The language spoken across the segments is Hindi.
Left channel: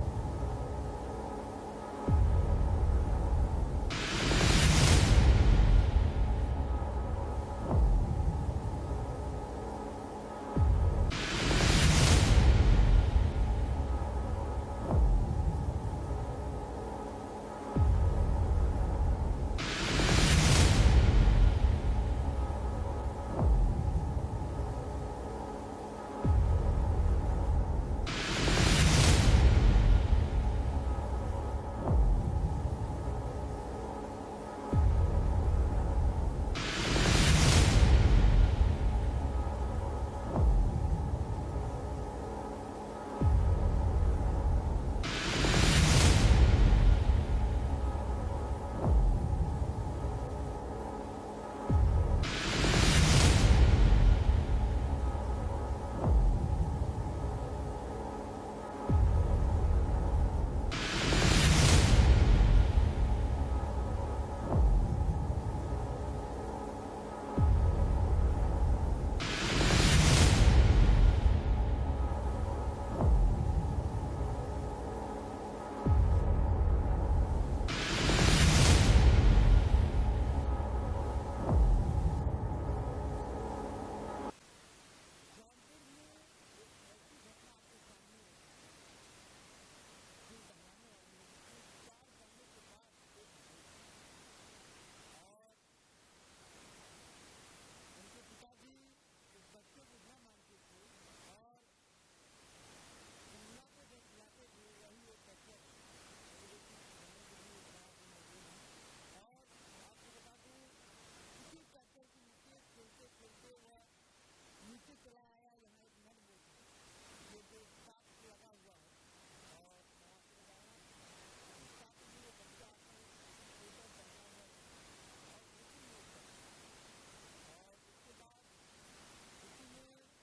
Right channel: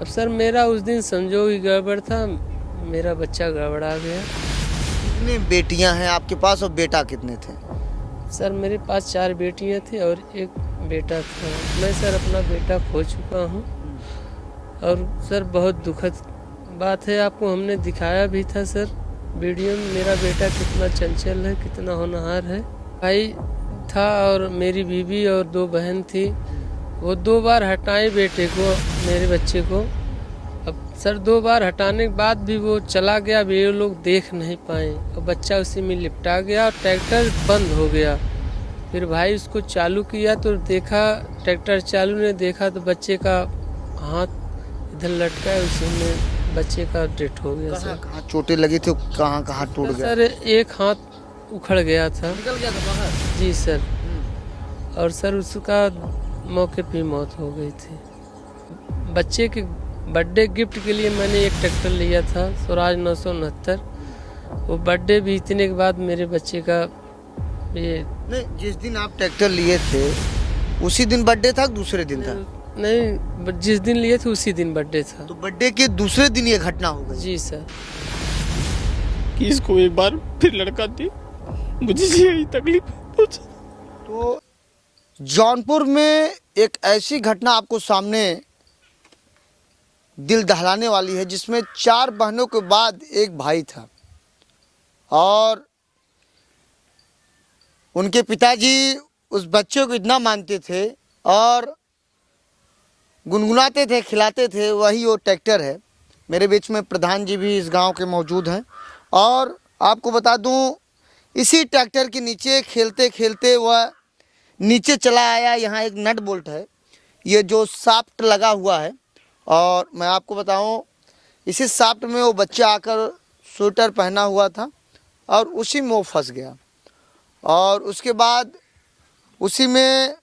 अब सर मेरा उस दिन संजोग ही गड़बड़ था, मेरा बच्चा गड़बड़ा गया। कितनी बेटियां हैं आपके पास और बेटा कितने थे? सर मेरे पास 4 बेटियां थी और एक बेटा था। मैं सर अपना बेटा खो चुका हूँ और सर बहुत दुखद बात है, आपको हमने दिखाया भी था सर वीडियो में। मेरा बेटा कितना चंचल है, कितना होनहार है। भाई था और मेरी बीवी और 2 बहन थी। वो 2 बार हटाए बेटे को, मेरे बच्चे को। अब सर 2 बार हटाने के बाद भी वो चला गया, भी ये लोग देख नहीं पाए और बच्चा उसी में लिपटा गया और ट्रैक्टर बंद हो गया। फिर भाई उसको चालू किया तो देखा, ट्रैक्टर चालू ने देखा तो बच्चे का हाथ इधर लटका है, उसी में बच्चे का डेथ हो गया। सर कहाँ चोटें लगी थी, कहाँ कहाँ टूट गया? सर एक हाथ उखड़ गया था। निकल गया था बाहर? जी सर। और सर उसका मौके पे मौत हो गई थी। बच्चे के बर्थडे गिफ्ट के लिए मैंने एक ट्रैक्टर लिया था स्वराज 969। वो बर्थडे बीतने के बाद मेरे बच्चे का ये नहीं, जिस दिन आप ट्रैक्टर लिए थे उसी दिन बर्थडे था, दूसरे दिन था? नहीं, जिस दिन लिए थे उसी दिन बर्थडे था। तो बर्थडे के दूसरे दिन ये घटना हो गई? जी सर। कि इसको एक बार फिर लड़का दी, मुझे यही तकलीफ पहुंचा। तो जौनपुर में एक ऐसी घटना आपको सामने दिल दहलाने वाली है, जिसमें 4 बहनों के बाद एक भाई था और उनके पिताजी उस बच्चे को इतना मानते थे और गुनगुनाते थे, खिलाते थे। वही वो ट्रैक्टर है। मेरे बीच में प्रधान जी भी इस गांव के मौजूद हैं और आपको बता दूं, इसी ट्रैक्टर के नीचे खेलते खेलते वह नीचे चला आया। यहाँ एक नट बोल्ट है, ये जो शाफ्ट लगा हुआ है, और मैं आपको बताऊं इसी शाफ्ट में वो बच्चा आकर स्वेटर पहना हुआ था और उसी में वो फंस गया। और उसके बाद उसी में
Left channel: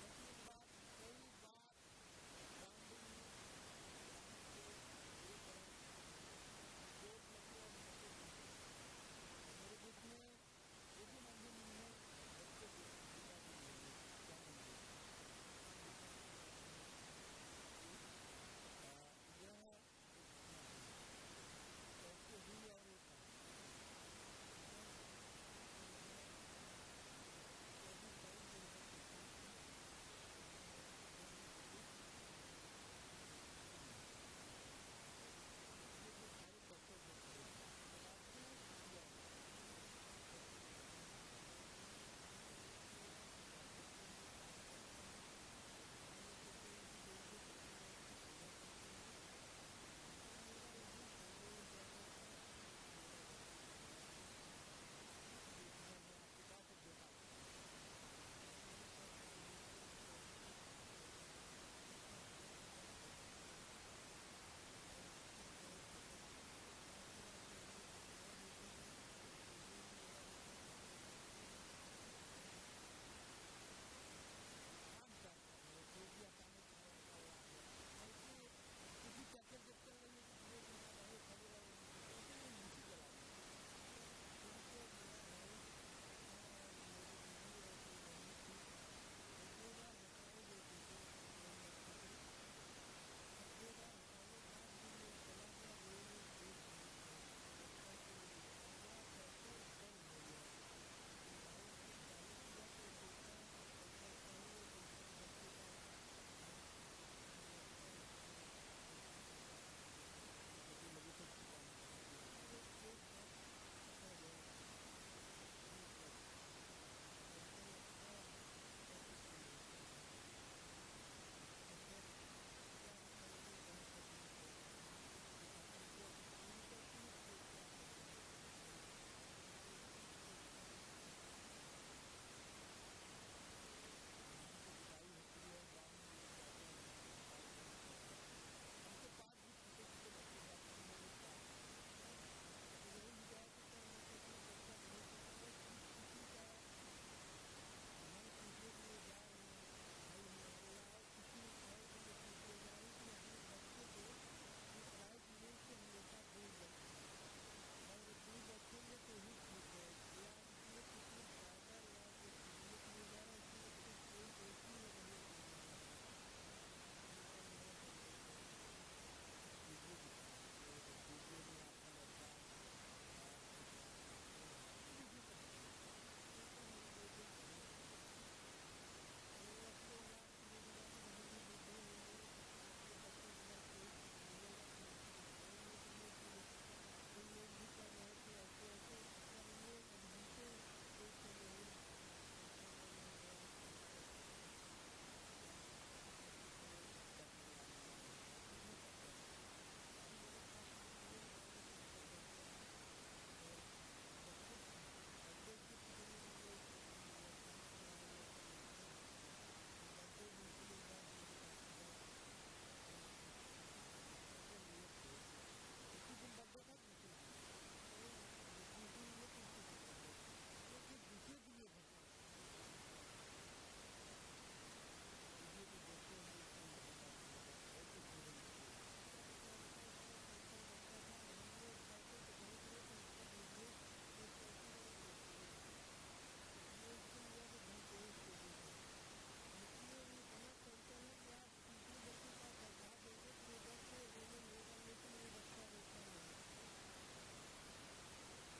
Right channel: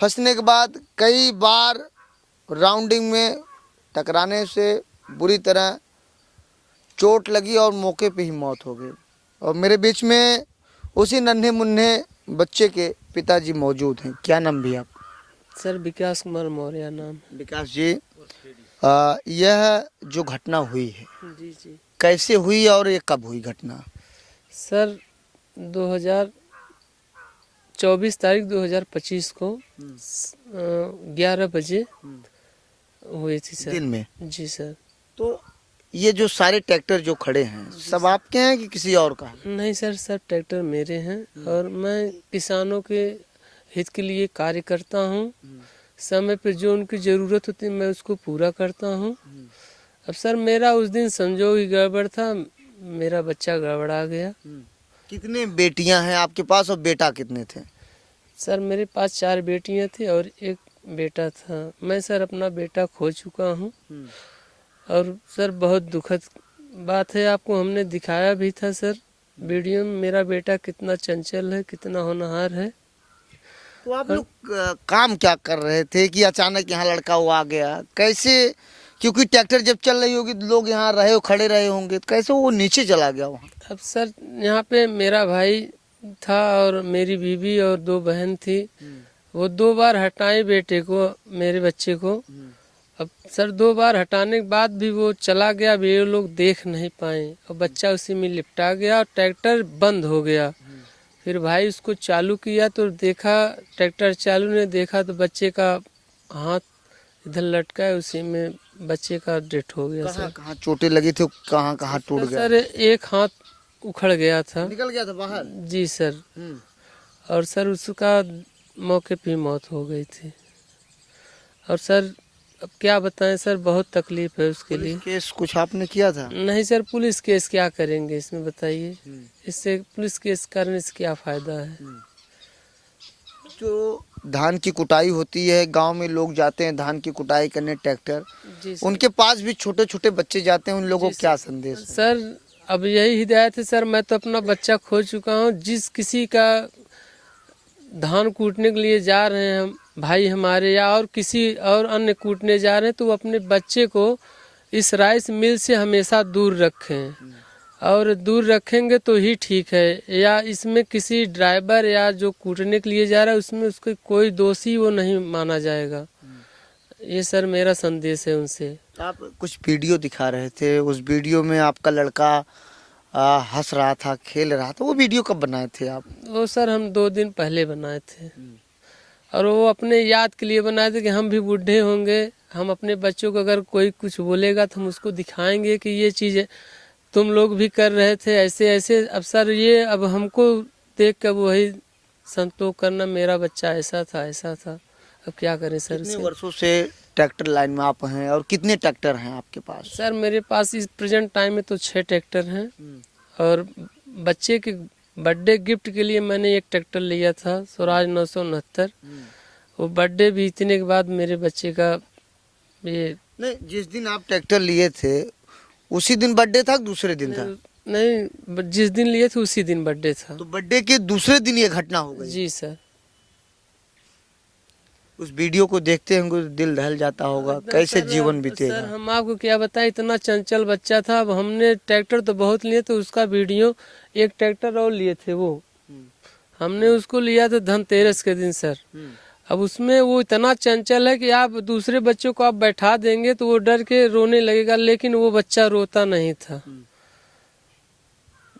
फंसने के बाद कई बार राउंडिंग में टकराने से बुरी तरह चोट लगी और मौके पे ही मौत हो गई। और मेरे बीच में उसी नन्हे मुन्ने बच्चे के पिताजी मौजूद हैं। क्या नाम भी आप? सर विकास कुमार मौर्य नाम। विकास जी, यह जो घटना हुई है जी जी। कैसे हुई और ये कब हुई घटना? सर 2024 तारीख 2025 को 11 बजे हुई थी सर। दिन में? जी सर। तो ये जो सारे ट्रैक्टर जो खड़े हैं सब आपके हैं कि किसी और का है? नहीं सर, सब ट्रैक्टर मेरे हैं और मैं किसानों के हित के लिए कार्य करता हूँ। समय पे जो उनकी ज़रूरत होती है मैं उसको पूरा करता हूँ। अब सर मेरा उस दिन संजोग ही गड़बड़ था, मेरा बच्चा गड़बड़ा गया। कितने बेटियां हैं आपके पास और बेटा कितने थे? सर मेरे पास 4 बेटियां थी और एक बेटा था। मैं सर अपना बेटा खो चुका हूँ और सर बहुत दुखद बात है, आपको हमने दिखाया भी था सर वीडियो में। मेरा बेटा कितना चंचल है, कितना होनहार है। तो आप लोग काम क्या कर रहे थे कि अचानक यहाँ लड़का वो आ गया? कैसे, क्योंकि ट्रैक्टर जब चल रही होगी तो लोग यहाँ रहे हो, खड़े रहे होंगे, तो कैसे वो नीचे चला गया वहाँ? अब सर यहाँ पे मेरा भाई था और मेरी बीवी और 2 बहन थी। वो 2 बार हटाए बेटे को, मेरे बच्चे को। अब सर 2 बार हटाने के बाद भी वो चला गया, भी ये लोग देख नहीं पाए और बच्चा उसी में लिपटा गया और ट्रैक्टर बंद हो गया। फिर भाई उसको चालू किया तो देखा, ट्रैक्टर चालू ने देखा तो बच्चे का हाथ इधर लटका है, उसी में बच्चे का डेथ हो गया। कहाँ सर कहाँ चोटें लगी थी, कहाँ कहाँ टूट गया? सर एक हाथ उखड़ गया था। निकल गया था बाहर? जी सर। और सर उसका मौके पे मौत हो गई थी। और सर अब क्या बताएं सर, बहुत तकलीफ है उसके लिए। केस कुछ आपने किया था? नहीं सर, पुलिस केस क्या करेंगे इसमें बताइए, इससे पुलिस केस करने से क्या फ़ायदा है। जो धान की कुटाई होती है, गांव में लोग जाते हैं धान की कुटाई करने ट्रैक्टर, जी सर। उनके पास भी छोटे छोटे बच्चे जाते हैं, उन लोगों को क्या संदेश है? सर अब यही हिदायत है सर, मैं तो अपना बच्चा खो चुका हूँ। जिस किसी का धान कूटने के लिए जा रहे हैं हम भाई हमारे, या और किसी और अन्य कूटने जा रहे हैं, तो वो अपने बच्चे को इस राइस मिल से हमेशा दूर रखें। और दूर रखेंगे तो ही ठीक है। या इसमें किसी ड्राइवर या जो कूटने के लिए जा रहा है उसमें उसके कोई दोषी वो नहीं माना जाएगा। ये सर मेरा संदेश है उनसे। आप कुछ वीडियो दिखा रहे थे, उस वीडियो में आपका लड़का हंस रहा था, खेल रहा था, वो वीडियो कब बनाए थे आप? वो सर हम 2 दिन पहले बनाए थे और वो अपने याद के लिए बनाए थे कि हम भी बूढ़े होंगे, हम अपने बच्चों को अगर कोई कुछ बोलेगा तो हम उसको दिखाएंगे कि ये चीज़ तुम लोग भी कर रहे थे ऐसे ऐसे। अब सर ये अब हमको देख कर वही संतोष करना, मेरा बच्चा ऐसा था ऐसा था, अब क्या करें सर कितने इसे। वर्षों से ट्रैक्टर लाइन में आप हैं और कितने ट्रैक्टर हैं आपके पास? सर मेरे पास इस प्रेजेंट टाइम में तो 6 ट्रैक्टर हैं और बच्चे के बर्थडे गिफ्ट के लिए मैंने एक ट्रैक्टर लिया था स्वराज 969। वो बर्थडे बीतने के बाद मेरे बच्चे का ये नहीं, जिस दिन आप ट्रैक्टर लिए थे उसी दिन बर्थडे था कि दूसरे दिन था? नहीं, जिस दिन लिए थे उसी दिन बर्थडे था। तो बर्थडे के दूसरे दिन ये घटना हो गई। जी सर। उस वीडियो को देखते होंगे तो दिल दहल जाता होगा, कैसे सर, जीवन सर बीतेगा? हम आपको क्या बताएं, इतना चंचल बच्चा था। अब हमने ट्रैक्टर तो बहुत लिए तो उसका वीडियो, एक ट्रैक्टर और लिए थे वो हमने उसको लिया था धनतेरस के दिन सर। अब उसमें वो इतना चंचल है कि आप दूसरे बच्चों को आप बैठा देंगे तो वो डर के रोने लगेगा, लेकिन वो बच्चा रोता नहीं था।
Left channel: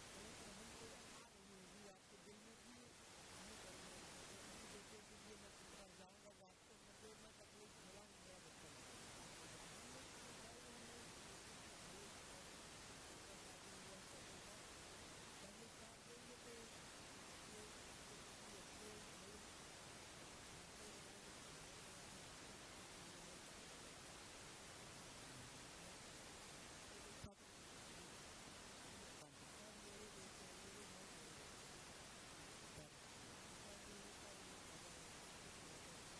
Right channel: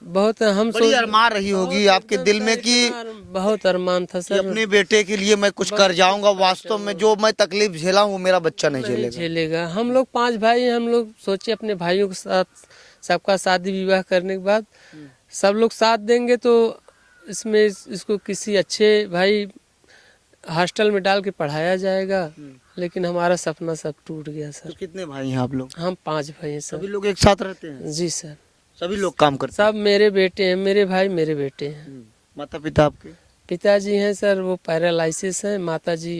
बहुत हम बड़ी अरमान रही होगी आपके दिल में कि बहुत अरमान था कि सर, अपने बेटे के लिए मैं कुछ कर जाऊंगा। वास्तव में जो मैं तकलीफ झेला हूँ वो मेरा बच्चा नहीं नहीं झेलेगा। झेलेगा। हम लोग 5 भाई हैं, हम लोग सोचे अपने भाइयों के साथ सबका शादी विवाह करने के बाद सब लोग साथ देंगे तो इसमें इसको किसी अच्छे भाई हॉस्टल में डाल के पढ़ाया जाएगा, लेकिन हमारा सपना सब टूट गया तो सर। कितने भाई हैं आप लोग? हम 5 भाई हैं सभी सर। लोग एक साथ रहते हैं? जी सर। सभी लोग काम करते सब मेरे बेटे हैं, मेरे भाई मेरे बेटे हैं। हैं? माता पिता आपके? पिताजी हैं सर, वो पैरालाइसिस हैं। माताजी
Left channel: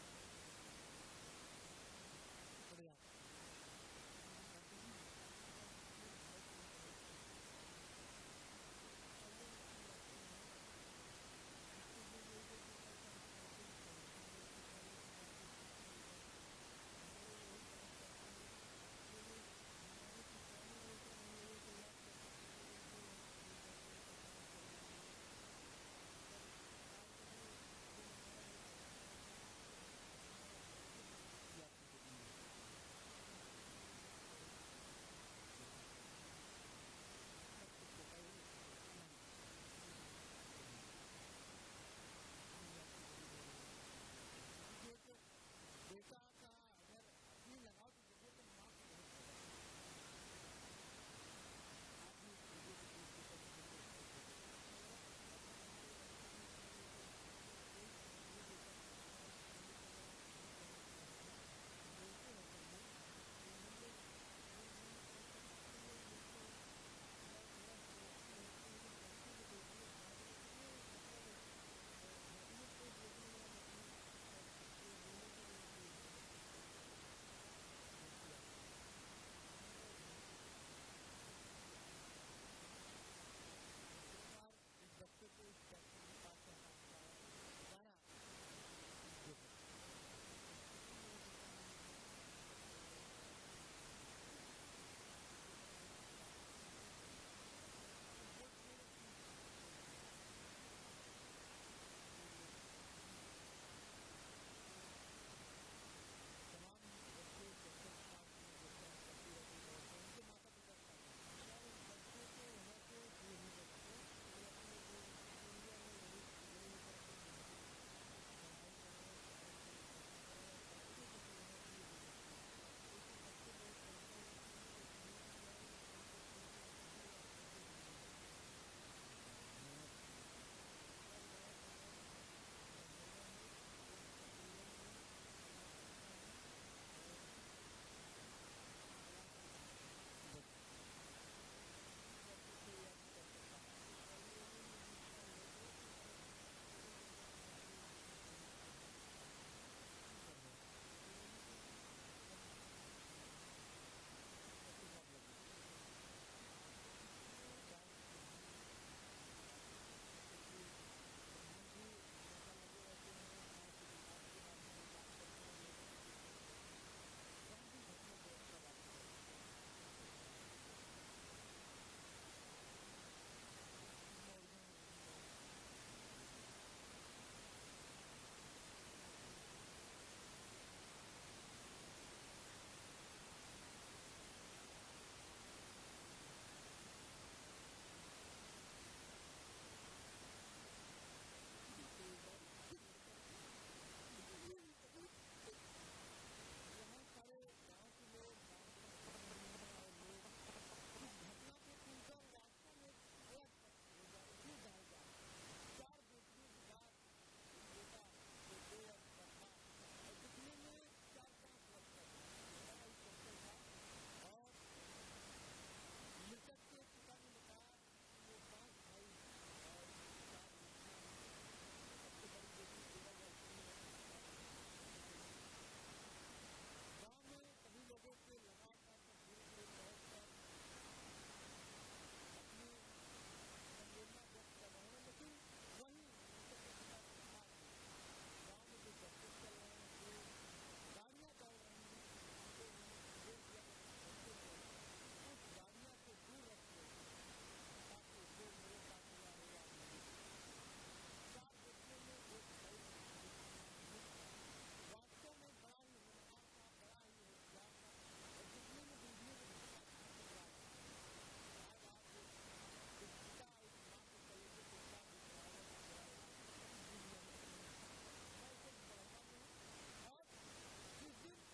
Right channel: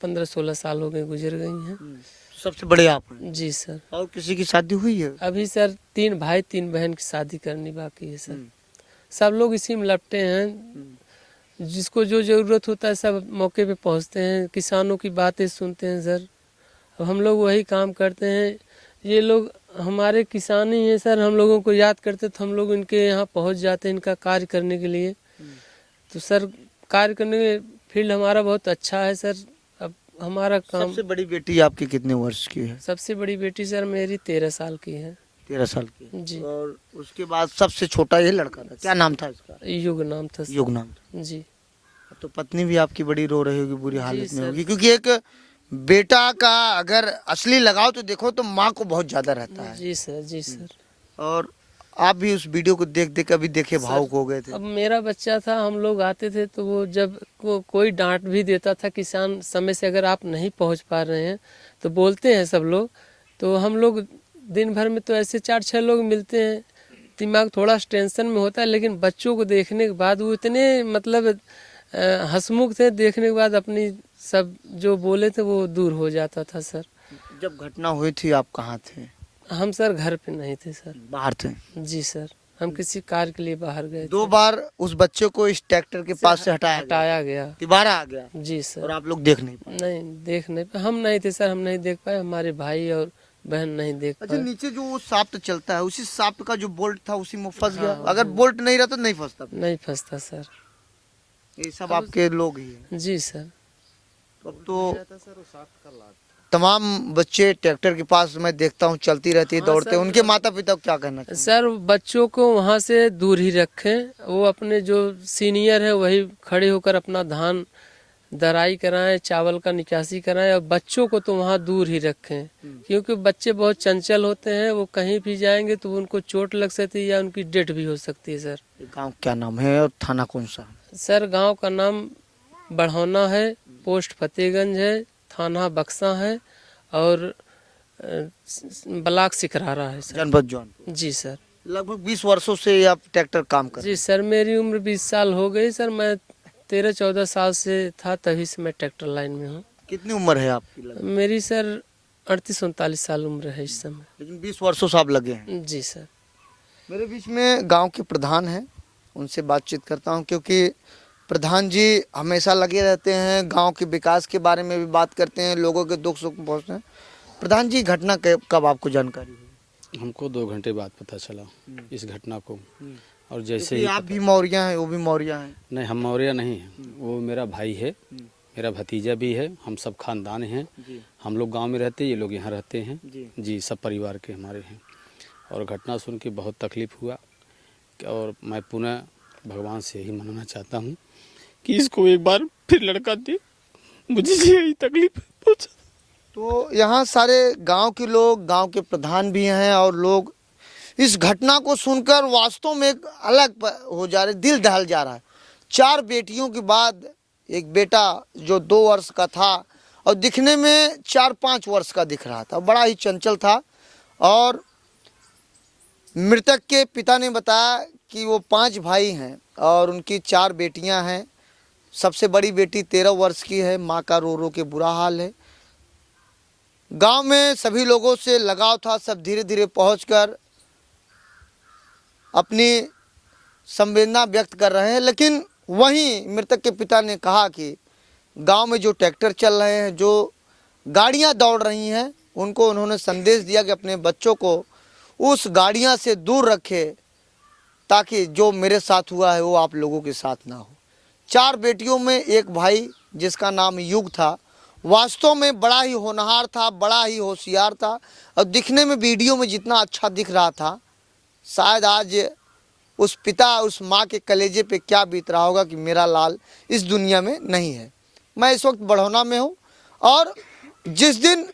15-16 साल हो गए गुजर गई हैं। सबसे बड़े आप हैं? जी सर। और किसी की शादी हुई है? अभी सर 3 भाई 3 बहन की शादी करनी बाकी है सर। सब लोग इसी में लपटे हैं, जिसको जो ज़रूरत होता है सब मौके पे पहुंचते हैं, किसानों की बातें सुनते हैं सर। अब हम लोग वही काम करते हैं। ये लोग हमारे किसान ही हैं सर, हम लोगों को याद करते तो हम लोग इनके यहाँ पहुंच जाते हैं इनका कार्य करने के लिए। तो सर कार्य करने के फील्ड हमारा बहुत अच्छा है सर। अब हमारा काम। सबसे बड़ी बेटी आपकी कितने वर्ष की है? सबसे बड़ी बेटी सर मेरी 13 साल की है। 13 साल की। जी। और उसके बाद सबसे छोटा ये लड़का था, क्या नाम था इसका? युग नाम था सर। युग नाम था। जी। तो पत्नी भी आपकी बड़ी रो रही होगी, बुरी हालत में सर। होगी, क्योंकि एक बेटा का अगर असली लगाव तो देखो तो माँ को बहुत ज्यादा रहता है। जी सर। जी सर। और आप भी उस वीडियो को देख देख अभी देखे भावुक हो गए थे। अब मेरा बच्चा था, हम लोग आते थे तो वो जब कोई डांट भी देता था, किसान समय से अगर आप नहीं पहुंच पा रहे हैं तो बोलते हैं सब लोग, तो हम लोग दिन भर में तो ऐसे 4-6 लोग मिलते हैं, दिमाग थोड़ा टेंशन में होता है, लेकिन बच्चों को देखने के बाद वो इतने मतलब हंसमुख थे, देखने के बाद अपनी सब जो बोले थे वो दूर हो जाता था सर। जब घटना हुई थी आप कहाँ थे? हम सर घर पे नहीं थे सर। बाहर थे? जी सर, हम किसी कार्य के लिए बाहर गए 2 बार उस बच्चे को इस ट्रैक्टर के पास से हटाया गया। दोबारा आ गया जी सर। और आप लोग देख नहीं पाए? नहीं देख नहीं पाए, हम नहीं थे सर, हम नहीं देख पाए, हमारे भाई और बहन नहीं देख अच्छा, पाए। नीचे जो वो शाफ्ट चलता है उसी शाफ्ट का जो बोल्ट था उसी में फंस गया। अगर बोल्ट नहीं रहता तो नहीं फंसता। नहीं फंसता सर। ये सब आपके लोग ही हैं। जी सर। अब तो तमाम बच्चे ट्रैक्टर के पास मैं देखता हूँ चलती रहती है, दौड़ते हैं, उनके माता पिता को क्या कहना चाहिए? सर बच्चों को वहाँ से दूर ही रखें, वो अपने जो सीनियर है वही खड़े होकर अपना धान दराई कराएं, चावल का निकासी कराएं, और बच्चों को तो वहाँ दूर ही रखें, क्योंकि बच्चे बहुत चंचल होते हैं, वो कहीं भी जाएंगे तो उनको चोट लग सकती है या उनकी डेथ भी हो सकती है सर। गांव क्या नाम है और थाना कौन सा? सर गांव का नाम बढ़ौना है, पोस्ट फतेहगंज है, थाना बक्सा है और ब्लॉक सिकरारा है सर। जनपद जौनपुर। जी सर। लगभग 20 वर्षों से आप ट्रैक्टर काम कर रहे जी सर, मेरी उम्र 20 साल हो गई सर, मैं 13-14 साल से था तभी से मैं ट्रैक्टर लाइन में हूँ। हैं। कितनी उम्र है आपकी लगभग? मेरी सर 38-39 साल उम्र है इस समय। लेकिन 20 वर्षों से आप लगे हैं। जी सर। मेरे बीच में गांव के प्रधान हैं, उनसे बातचीत करता हूं, क्योंकि प्रधान जी हमेशा लगे रहते हैं, गांव के विकास के बारे में भी बात करते हैं, लोगों के दुख सुख में पहुंचते हैं। प्रधान जी, घटना कब आपको जानकारी हुई? हमको 2 घंटे बाद पता चला इस घटना को। और जैसे क्योंकि ही आप भी मौर्या हैं, वो भी मौर्या हैं। नहीं, हम मौर्य नहीं हैं, वो मेरा भाई है, मेरा भतीजा भी है, हम सब खानदान हैं। हम लोग गांव में रहते, ये लोग यहाँ रहते हैं जी। जी, सब परिवार के हमारे हैं। और घटना सुन के बहुत तकलीफ़ हुआ और मैं पुनः भगवान से यही मनाना चाहता हूँ कि इसको एक बार फिर लड़का दे, मुझे यही तकलीफ पहुंचा। तो यहाँ सारे गांव के लोग, गांव के प्रधान भी हैं और लोग इस घटना को सुनकर वास्तव में एक अलग हो जा रहे, दिल दहल जा रहा है। 4 बेटियों के बाद एक बेटा जो 2 वर्ष का था और दिखने में 4-5 वर्ष का दिख रहा था, बड़ा ही चंचल था। और मृतक के पिता ने बताया कि वो 5 भाई हैं और उनकी 4 बेटियां हैं। सबसे बड़ी बेटी 13 वर्ष की है, माँ का रो रो के बुरा हाल है। गांव में सभी लोगों से लगाव था, सब धीरे धीरे पहुंचकर अपनी संवेदना व्यक्त कर रहे हैं। लेकिन वहीं मृतक के पिता ने कहा कि गांव में जो ट्रैक्टर चल रहे हैं, जो गाड़ियां दौड़ रही हैं, उनको उन्होंने संदेश दिया कि अपने बच्चों को उस गाड़ियां से दूर रखे, ताकि जो मेरे साथ हुआ है वो आप लोगों के साथ ना हो। 4 बेटियों में एक भाई जिसका नाम युग था, वास्तव में बड़ा ही होनहार था, बड़ा ही होशियार था और दिखने में वीडियो में जितना अच्छा दिख रहा था, शायद आज उस पिता, उस माँ के कलेजे पे क्या बीत रहा होगा कि मेरा लाल इस दुनिया में नहीं है। मैं इस वक्त बढ़ौना में हूँ और जिस दिन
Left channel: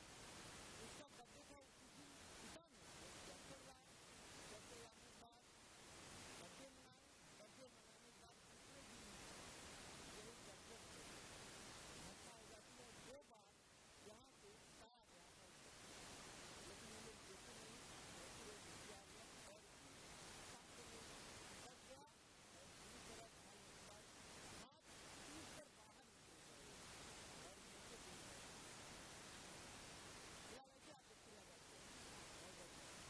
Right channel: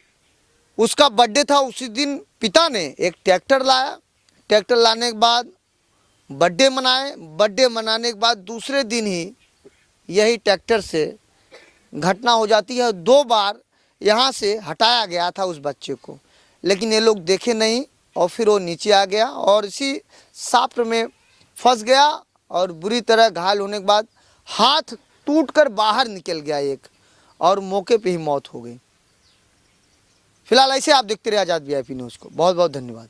उसका बर्थडे था उसी दिन पिता ने एक ट्रैक्टर लाया। ट्रैक्टर लाने के बाद बर्थडे मनाए। बर्थडे मनाने के बाद दूसरे दिन ही यही ट्रैक्टर से घटना हो जाती है। 2 बार यहाँ से हटाया गया था उस बच्चे को, लेकिन ये लोग देखे नहीं और फिर वो नीचे आ गया और इसी साप्र में फंस गया और बुरी तरह घायल होने के बाद हाथ टूटकर बाहर निकल गया एक, और मौके पे ही मौत हो गई। फिलहाल ऐसे आप देखते रहे आज़ाद VIP न्यूज़ को। बहुत बहुत धन्यवाद।